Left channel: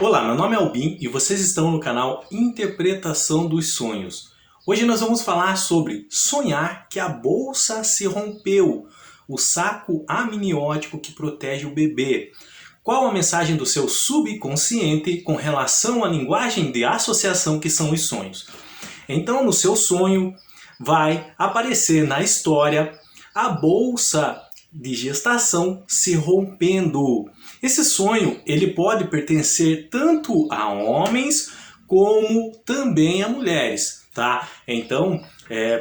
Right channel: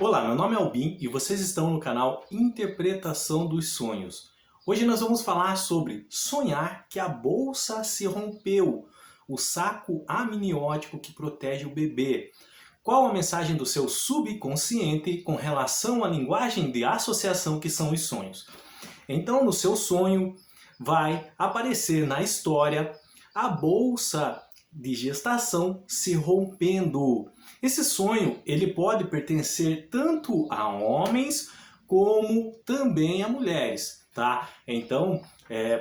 Olá, meu nome é Albin e vocês estão no canal Interpretação dos Sonhos. Hoje nós vamos falar sobre sonhar que a bolsa se rompeu, o saco amniótico que protege o bebê. Qual a mensagem do seu subconsciente com relação à linguagem de associação que são os sonhos? Então, no seu sonho, vai aparecer na história a bolsa de gestação se rompendo. Esse sonho ele pode pertencer tanto a homens como também a mulheres, tá? Então,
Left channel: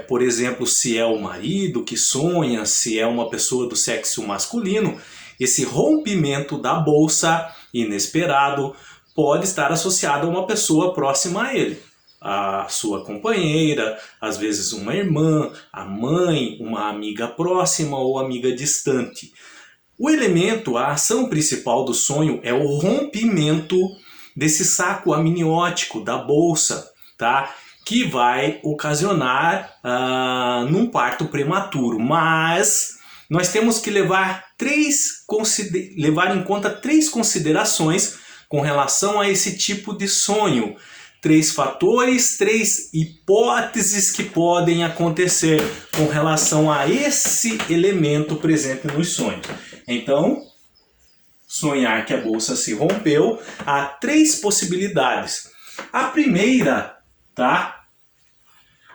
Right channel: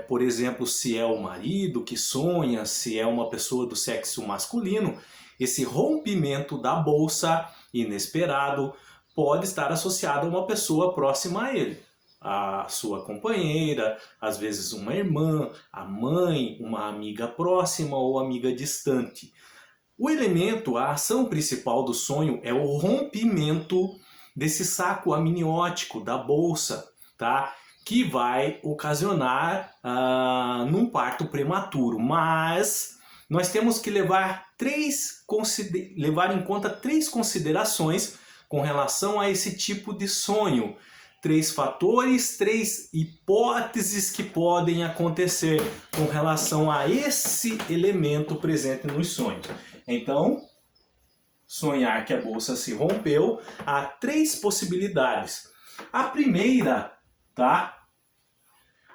por exemplo, se é o marido que sonha, se é uma pessoa do sexo masculino, esse rompimento da bolsa inesperado pode estar associado a uma pessoa próxima a ele. A sua companheira, às vezes uma irmã, a mãe, uma amiga próxima ou amiga distante. O elemento, a ação principal do sonho é o rompimento desse saco amniótico da bolsa, tá? Que vai ocasionar num parto prematuro. Mas nós temos que levar em conta três considerações com relação a esse tipo de sonho. Três fatores, três hipóteses que podem acontecer com relação a esse elemento presente nos sonhos. Então, sonhar que a bolsa se rompeu, há três possibilidades. A primeira, tá?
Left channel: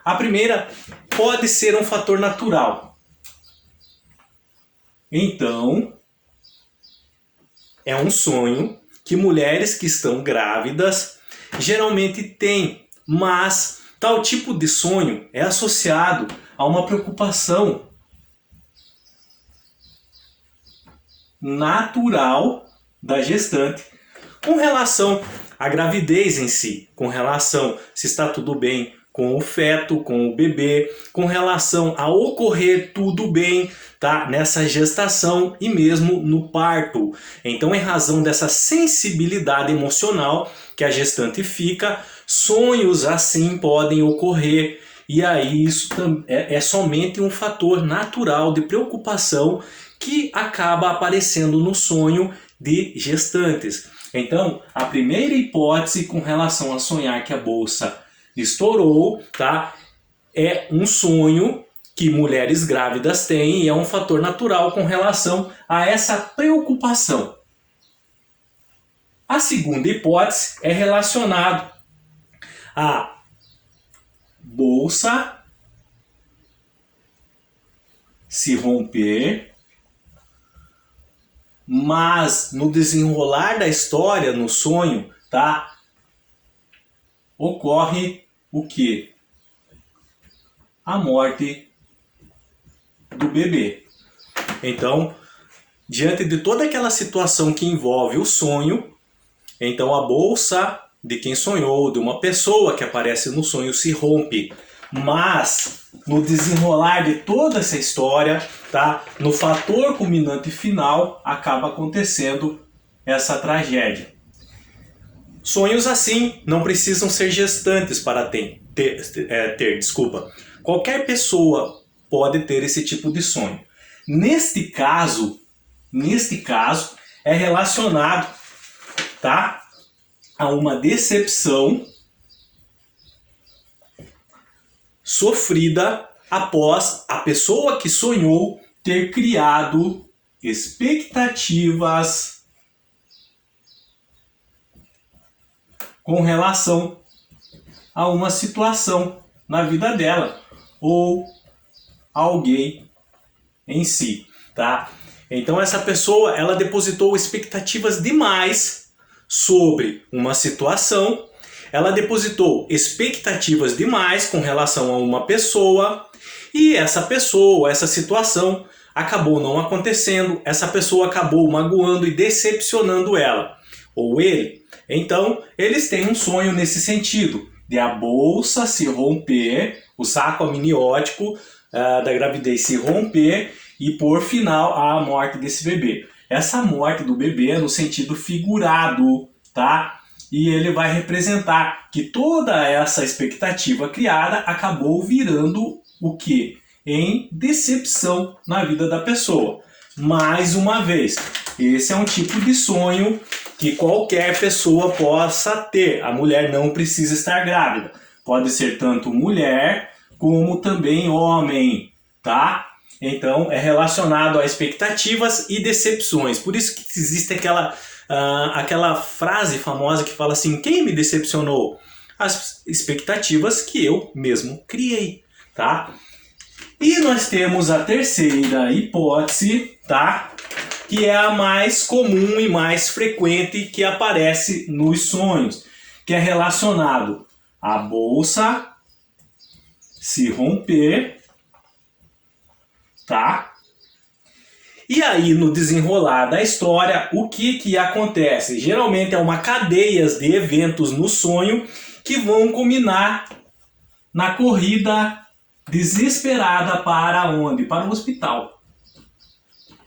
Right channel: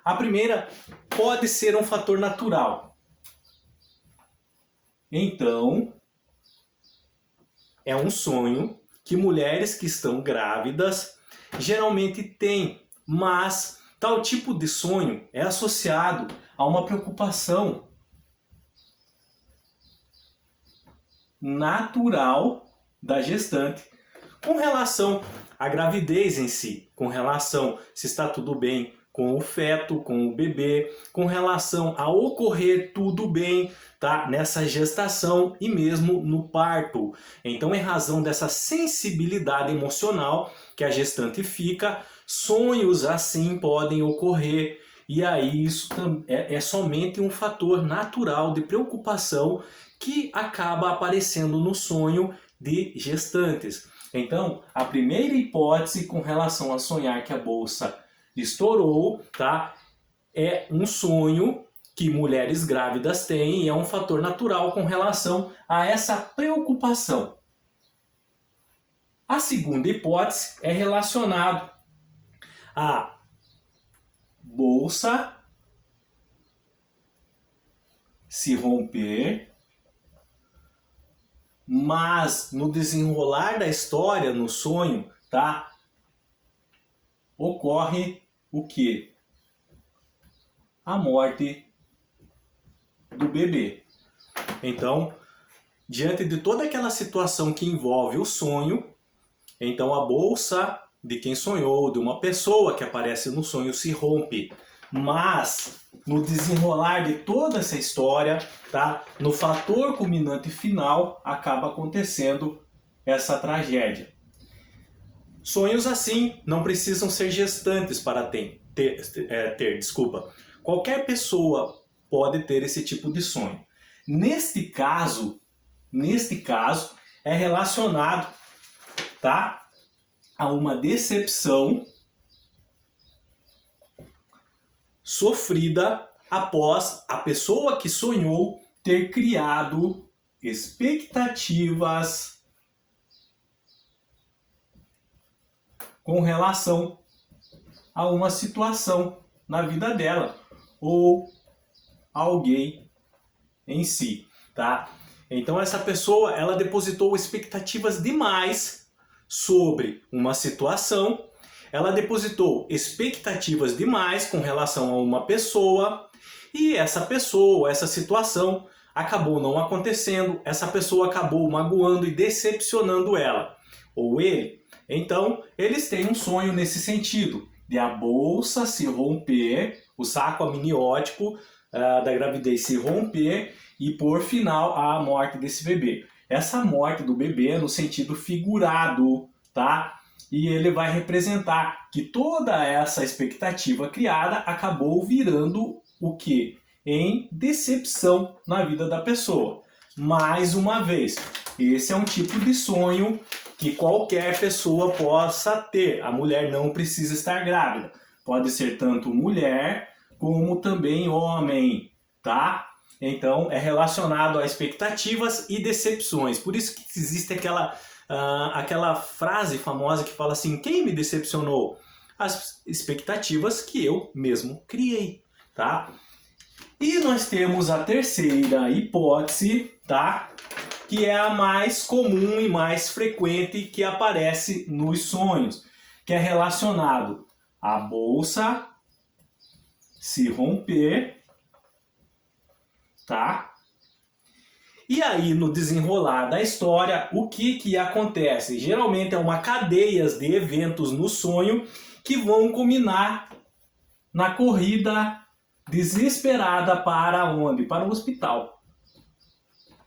A primeira pode ser um fator natural. Então, é um sonho que mulheres que estão grávidas geralmente têm, mas tal tipo de sonho é associado a uma preocupação natural da gestante com relação à gravidez em si, com relação se está tudo bem com o feto, com o bebê, com relação a ocorrer tudo bem, tá? Nessa gestação e mesmo no parto. Então, em razão dessa sensibilidade emocional que a gestante fica, sonhos assim podem ocorrer. E aí isso é somente um fator natural de preocupação que acaba aparecendo no sonho de gestantes. Então, a primeira hipótese com relação a sonhar que a bolsa estourou, tá? É um sonho que mulheres grávidas têm e é um fator natural com relação a essa preocupação. A segunda hipótese é relacionado à bolsa se romper, mas no desenrolar da história, no sonho, tá? Ocorre o quê? A morte do bebê. Então, diante de toda aquela situação que envolve o sonho, então a bolsa de quem sonhou, de uma pessoa que aparece no sonho, se rompe. Mas no desenrolar de toda essa história, tá? No fator culminante final, acaba acontecendo essa tragédia. Sonhos assim não precisam ser gestantes para ter. Qualquer pessoa pode ter esse tipo de sonho. Neste caso é relacionado, tá, a uma decepção sofrida após a pessoa que sonhou ter criado expectativas com relação a uma situação na vida dela ou alguém em si, tá? Então essa pessoa, ela depositou expectativas demais sobre uma situação, ela depositou expectativas demais com relação a uma pessoa e essa pessoa, essa situação acabou não acontecendo, essa pessoa acabou magoando e decepcionando ela ou ele. Então, eles têm um sonho nesse sentido, de a bolsa se romper, o saco amniótico da gravidez se romper e por final a morte desse bebê. Essa morte do bebê é no sentido figurado, tá? E ele vai representar que toda essa expectativa criada acabou virando o quê? Em decepção na vida da pessoa. Mais uma vez, esse é um tipo de sonho que qualquer pessoa possa ter. A mulher não precisa estar grávida. Pode ser tanto mulher como também homem, tá? Então é relacionado a expectativas e decepções. Por isso que existe aquela frase famosa que fala assim: quem me decepcionou? As expectativas que eu mesmo criei, tá? E nós temos a terceira hipótese, tá? Que é a mais comum e mais frequente que aparece nos sonhos, que é relacionado à bolsa se romper, tá? E aí, no desenrolar da história, o que acontece? Geralmente é uma cadeia de eventos no sonho que vão culminar na corrida desesperada para onde? Para o hospital,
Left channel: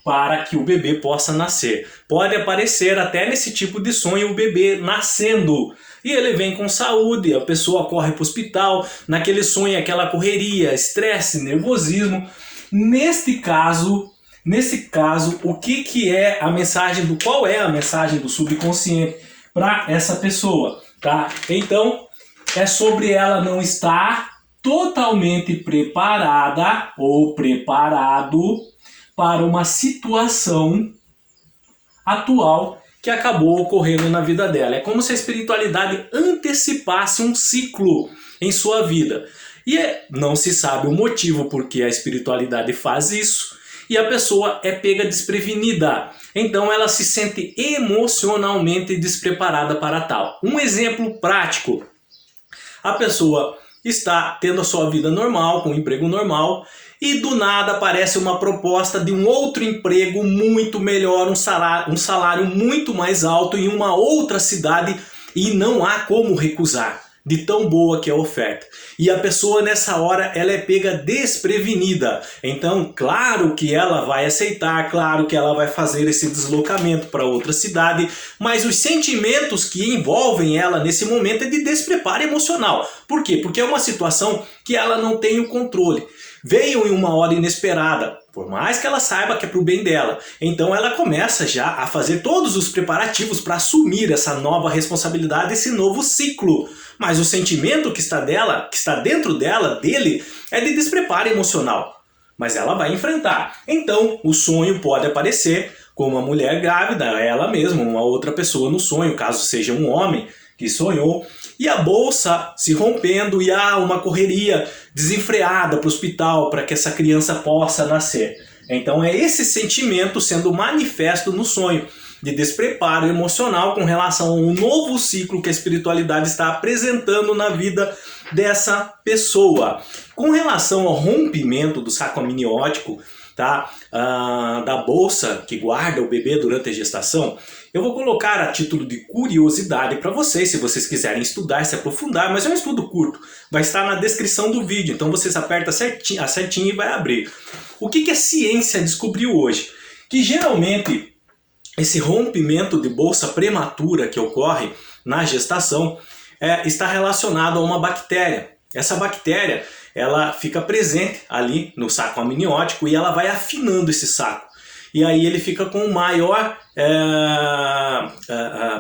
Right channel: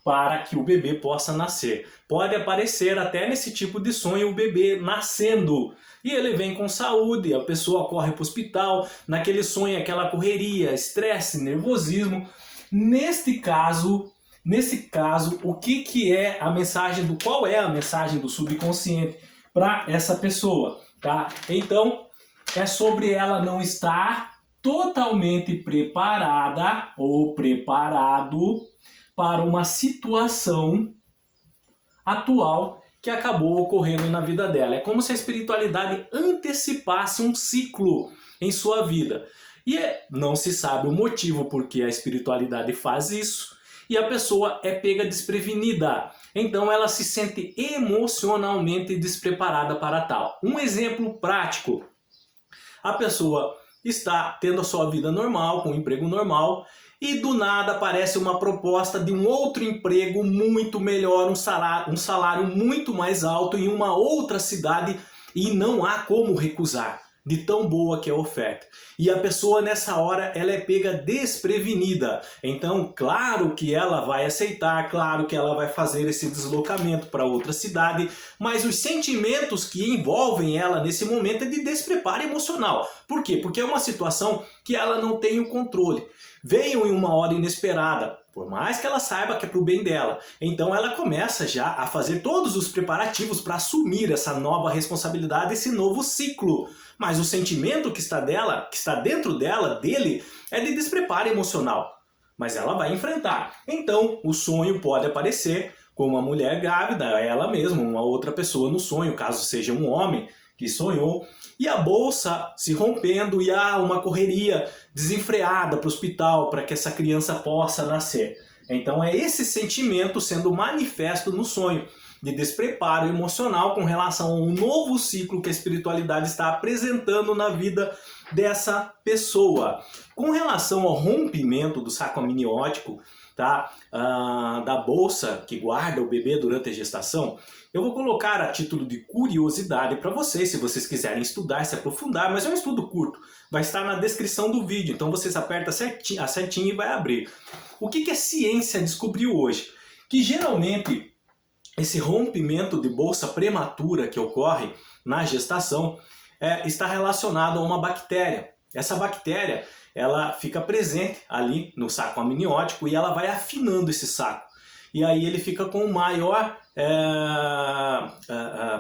para que o bebê possa nascer. Pode aparecer até nesse tipo de sonho o bebê nascendo. E ele vem com saúde, a pessoa corre para o hospital, naquele sonho, aquela correria, estresse, nervosismo. Nesse caso, o que é a mensagem qual é a mensagem do subconsciente para essa pessoa, tá? Então, é sobre ela não estar totalmente preparada ou preparado para uma situação atual que acabou ocorrendo na vida dela. É como se a espiritualidade antecipasse um ciclo em sua vida. E não se sabe o motivo por que a espiritualidade faz isso, e a pessoa é pega desprevenida. Então ela se sente emocionalmente despreparada para tal. Um exemplo prático: a pessoa está tendo a sua vida normal, com um emprego normal, e do nada aparece uma proposta de um outro emprego muito melhor, um salário muito mais alto em uma outra cidade, e não há como recusar, de tão boa que é a oferta. E a pessoa nessa hora ela é pega desprevenida. Então, claro que ela vai aceitar, claro que ela vai fazer esse deslocamento para outra cidade, mas os sentimentos que envolvem ela nesse momento é de despreparo emocional. Por quê? Porque é uma situação que ela não tem o controle. Veio em uma hora inesperada, por mais que ela saiba que é para o bem dela. Então ela começa já a fazer todos os preparativos para assumir essa nova responsabilidade, esse novo ciclo. Mas o sentimento que está dentro dele, é de despreparo emocional. Mas ela vai enfrentar. Então o sonho pode aparecer como uma mulher grávida, ela mesma, uma outra pessoa no sonho, caso seja um homem que sonhou, e a bolsa se rompendo e há uma correria desenfreada para o hospital para que essa criança possa nascer. Então é esse sentimento sendo manifesto no sonho, de despreparo emocional com relação a um novo ciclo que a espiritualidade está apresentando na vida dessa pessoa. Com relação ao rompimento do saco amniótico, tá? Da bolsa que guarda o bebê durante a gestação, eu vou colocar a título de curiosidade para vocês, se vocês quiserem estudar, se aprofundar, mas é um estudo curto, vai estar na descrição do vídeo, então vocês apertam certinho e vai abrir. O que a ciência descobriu hoje? Que geralmente esse rompimento de bolsa prematura que ocorre na gestação está relacionado a uma bactéria. Essa bactéria ela fica presente ali no saco amniótico e ela vai afinando esse saco. E aí ele fica com maior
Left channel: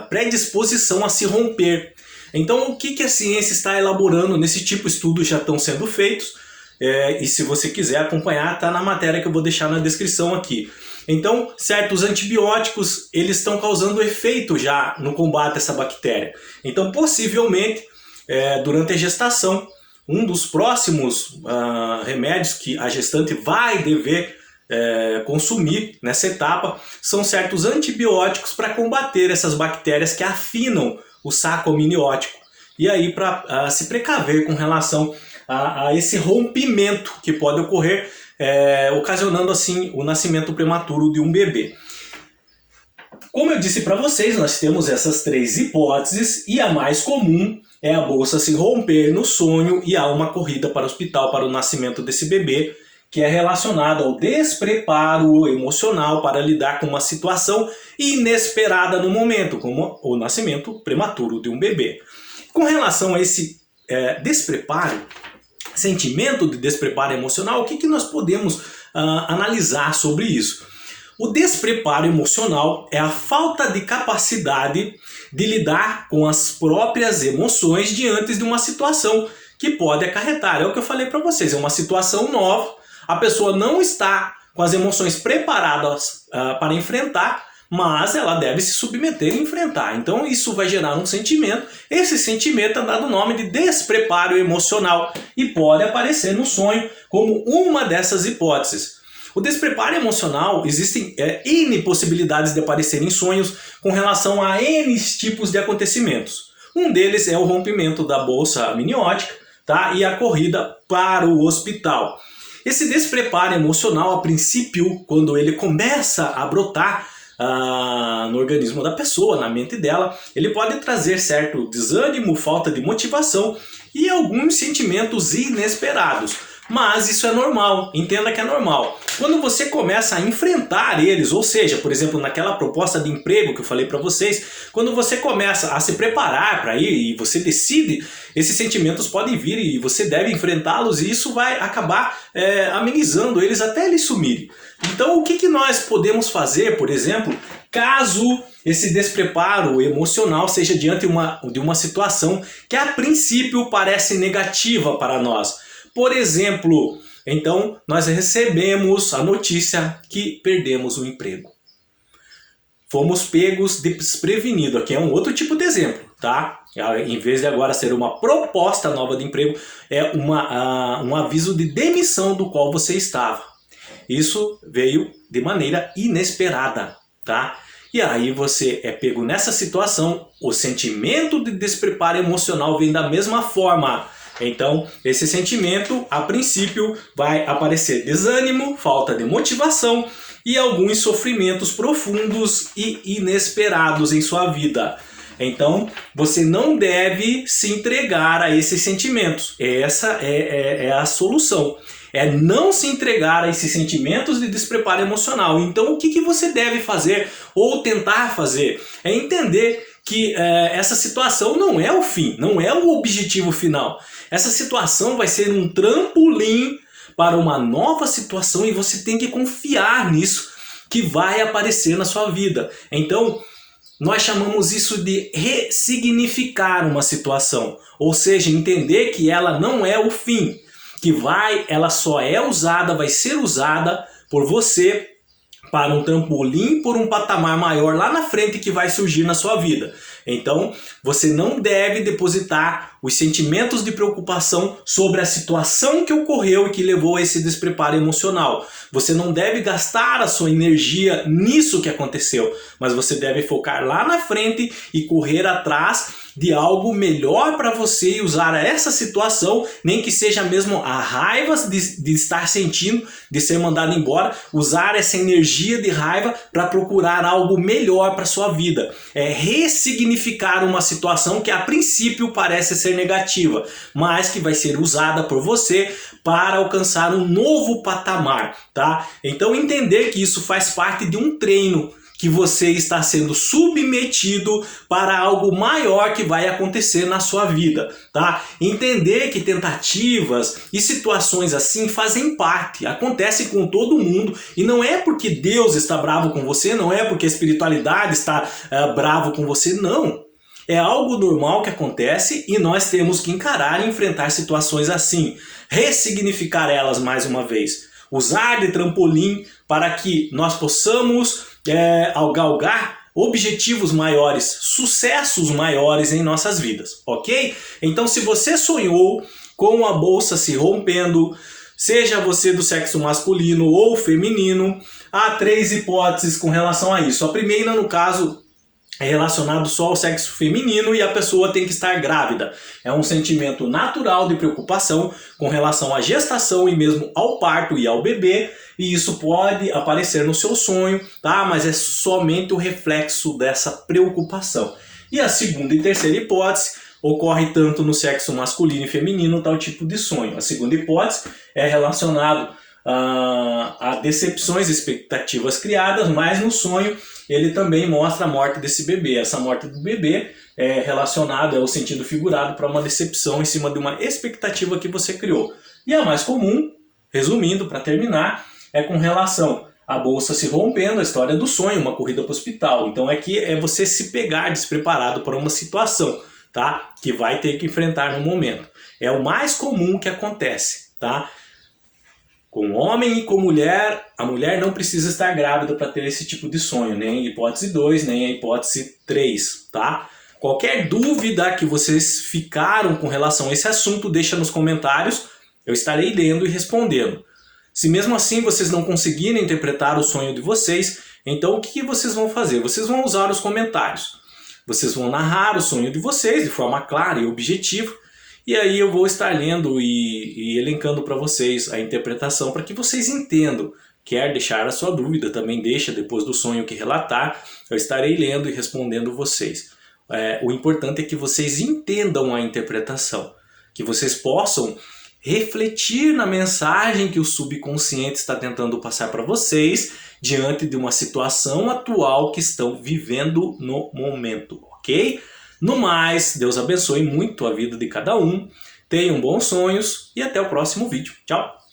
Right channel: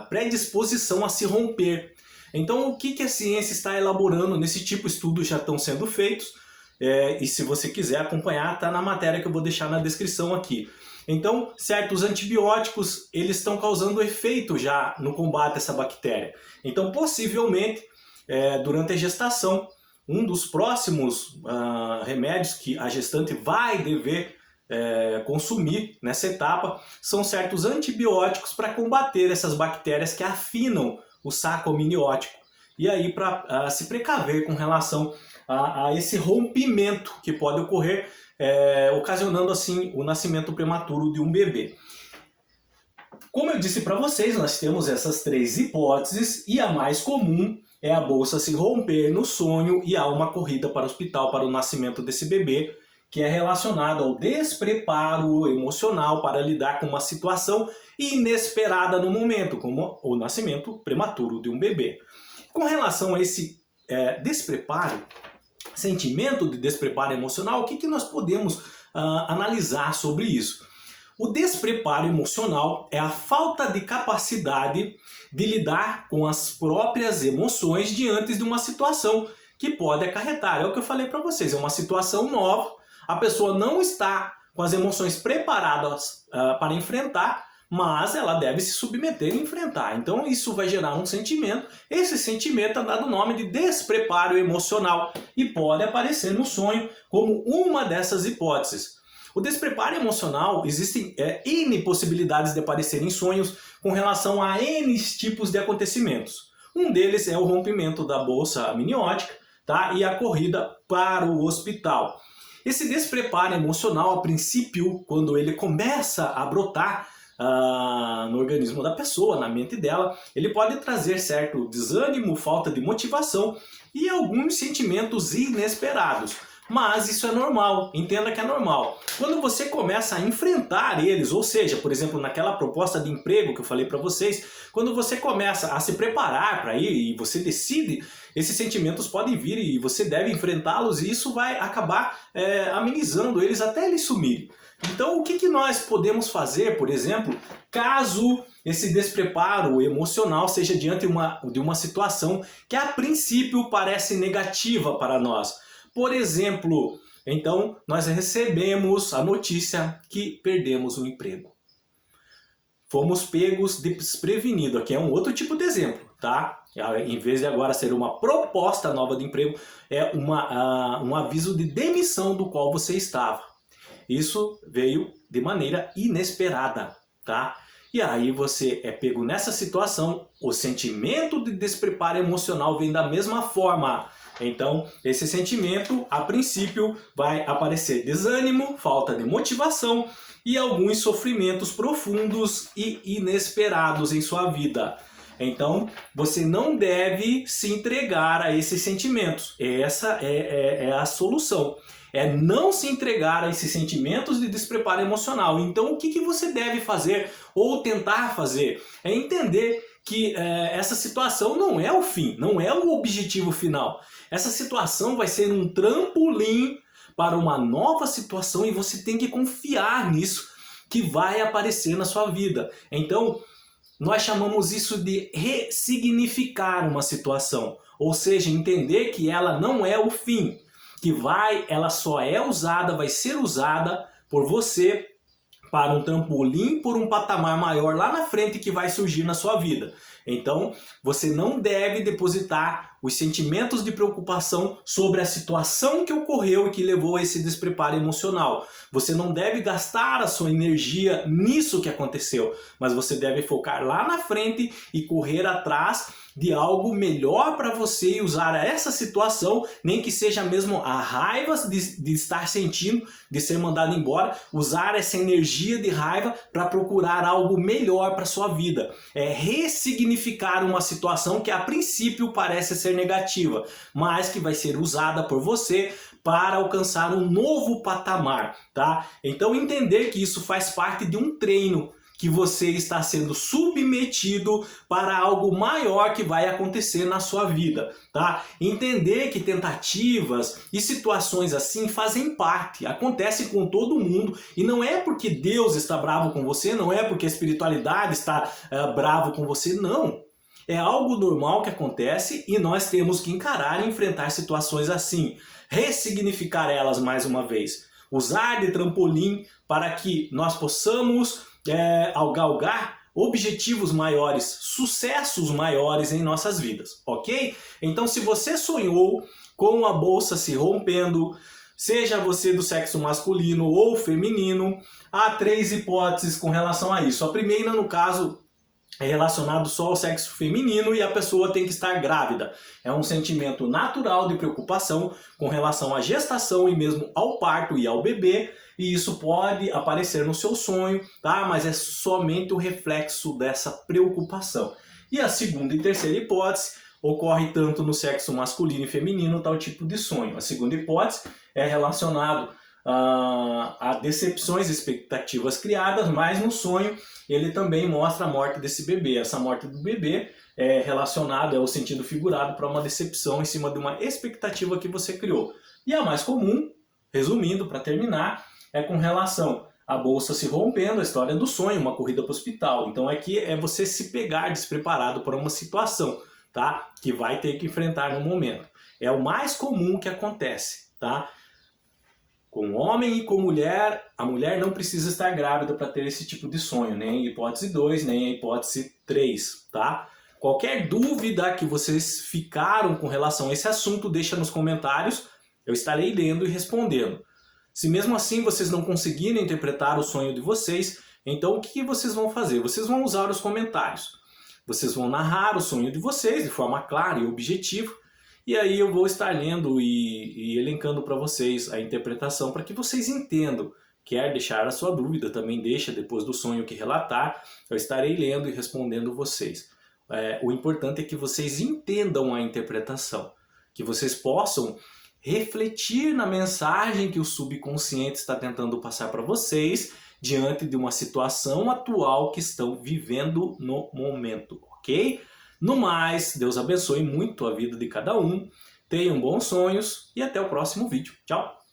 predisposição a se romper. Então o que a ciência está elaborando nesse tipo de estudos já estão sendo feitos. E se você quiser acompanhar, está na matéria que eu vou deixar na descrição aqui. Então, certos antibióticos eles estão causando efeito já no combate a essa bactéria. Então, possivelmente, durante a gestação, um dos próximos remédios que a gestante vai dever consumir nessa etapa são certos antibióticos para combater essas bactérias que afinam o saco amniótico. E aí, para se precaver com relação a esse rompimento que pode ocorrer, ocasionando assim o nascimento prematuro de um bebê. Como eu disse para vocês, nós temos essas três hipóteses e a mais comum é a bolsa se romper no sonho e há uma corrida para o hospital para o nascimento desse bebê, que é relacionado ao despreparo emocional para lidar com uma situação inesperada no momento, como o nascimento prematuro de um bebê. Com relação a esse despreparo, sentimento de despreparo emocional, o que nós podemos analisar sobre isso? O despreparo emocional é a falta de capacidade de lidar com as próprias emoções diante de uma situação que pode acarretar. É o que eu falei para vocês, é uma situação nova, a pessoa não está com as emoções preparadas para enfrentar, mas ela deve se submeter e enfrentar. Então isso vai gerar um sentimento, esse sentimento é dado o nome de despreparo emocional e pode aparecer no sonho como uma dessas hipóteses. O despreparo emocional, existem N possibilidades de aparecer em sonhos com relação a N tipos de acontecimentos. Um deles é o rompimento da bolsa amniótica, tá? E a corrida para o hospital. Esse despreparo emocional, a princípio, quando ele começa a brotar no organismo da pessoa, na mente dela, ele pode trazer certo desânimo, falta de motivação e alguns sentimentos inesperados. Mas isso é normal, entenda que é normal. Quando você começa a enfrentar eles, ou seja, por exemplo, naquela proposta de emprego que eu falei para vocês, quando você começa a se preparar para ir e você decide, esses sentimentos podem vir e você deve enfrentá-los e isso vai acabar amenizando eles até eles sumirem. Então o que nós podemos fazer, por exemplo, caso esse despreparo emocional seja diante de uma situação que a princípio parece negativa para nós? Por exemplo, então nós recebemos a notícia que perdemos o emprego. Fomos pegos desprevenidos. Aqui é um outro tipo de exemplo, tá? Em vez de agora ser uma proposta nova de emprego, é um aviso de demissão do qual você estava. Isso veio de maneira inesperada, tá? E aí você é pego nessa situação, o sentimento de despreparo emocional vem da mesma forma. Então, esse sentimento, a princípio, vai aparecer desânimo, falta de motivação e alguns sofrimentos profundos e inesperados em sua vida. Então, você não deve se entregar a esses sentimentos. Essa é a solução. É não se entregar a esses sentimentos de despreparo emocional. Então, o que você deve fazer ou tentar fazer? É entender que essa situação não é o fim, não é o objetivo final. Essa situação vai ser um trampolim para uma nova situação e você tem que confiar nisso que vai aparecer na sua vida. Então, nós chamamos isso de ressignificar uma situação, ou seja, entender que ela não é o fim, que ela só é usada, vai ser usada por você para um trampolim, por um patamar maior lá na frente que vai surgir na sua vida. Então, você não deve depositar os sentimentos de preocupação sobre a situação que ocorreu e que levou a esse despreparo emocional. Você não deve gastar a sua energia nisso que aconteceu, mas você deve focar lá na frente e correr atrás de algo melhor para você e usar essa situação, nem que seja mesmo a raiva de estar sentindo, de ser mandado embora, usar essa energia de raiva para procurar algo melhor para sua vida. É ressignificar uma situação que a princípio parece ser negativa, mas que vai ser usada por você para alcançar um novo patamar, tá? Então entender que isso faz parte de um treino, que você está sendo submetido para algo maior que vai acontecer na sua vida, tá? Entender que tentativas e situações assim fazem parte, acontece com todo mundo e não é porque Deus está bravo com você, não é porque a espiritualidade está bravo com você, não. É algo normal que acontece e nós temos que encarar e enfrentar situações assim, ressignificar elas mais uma vez, usar de trampolim para que nós possamos galgar objetivos maiores, sucessos maiores em nossas vidas, ok? Então, se você sonhou com a bolsa se rompendo, seja você do sexo masculino ou feminino, há 3 hipóteses com relação a isso. A primeira, no caso, é relacionado só ao sexo feminino e a pessoa tem que estar grávida. É um sentimento natural de preocupação com relação à gestação e mesmo ao parto e ao bebê, e isso pode aparecer no seu sonho, tá? Mas é somente o reflexo dessa preocupação. E a segunda e terceira hipótese ocorre tanto no sexo masculino e feminino, tal tipo de sonho. A segunda hipótese é relacionado a decepções, expectativas criadas, mas no sonho ele também mostra a morte desse bebê. Essa morte do bebê é relacionada, é o sentido figurado para uma decepção em cima de uma expectativa que você criou. E a mais comum, resumindo para terminar, é com relação a bolsa se rompendo, a história do sonho, uma corrida para o hospital. Então aqui é você se pegar despreparado para uma situação, tá? Que vai ter que enfrentar no momento. É o mais comum que acontece, tá? Com homem e com mulher, a mulher não precisa estar grávida para ter esse tipo de sonho, nem a hipótese 2, nem a hipótese 3, tá? Qualquer dúvida que vocês ficaram com relação a esse assunto, deixa nos comentários, eu estarei lendo e respondendo. Se mesmo assim vocês não conseguirem interpretar o sonho de vocês, então o que vocês vão fazer? Vocês vão usar os comentários. Vocês vão narrar o sonho de vocês de forma clara e objetiva, e aí eu vou estar lendo e elencando para vocês a interpretação para que vocês entendam. Quer deixar a sua dúvida, também deixa depois do sonho que relatar, eu estarei lendo e respondendo vocês. O importante é que vocês entendam a interpretação, que vocês possam refletir na mensagem que o subconsciente está tentando passar para vocês diante de uma situação atual que estão vivendo no momento, ok? No mais, Deus abençoe muito a vida de cada um, tenham bons sonhos e até o próximo vídeo. Tchau!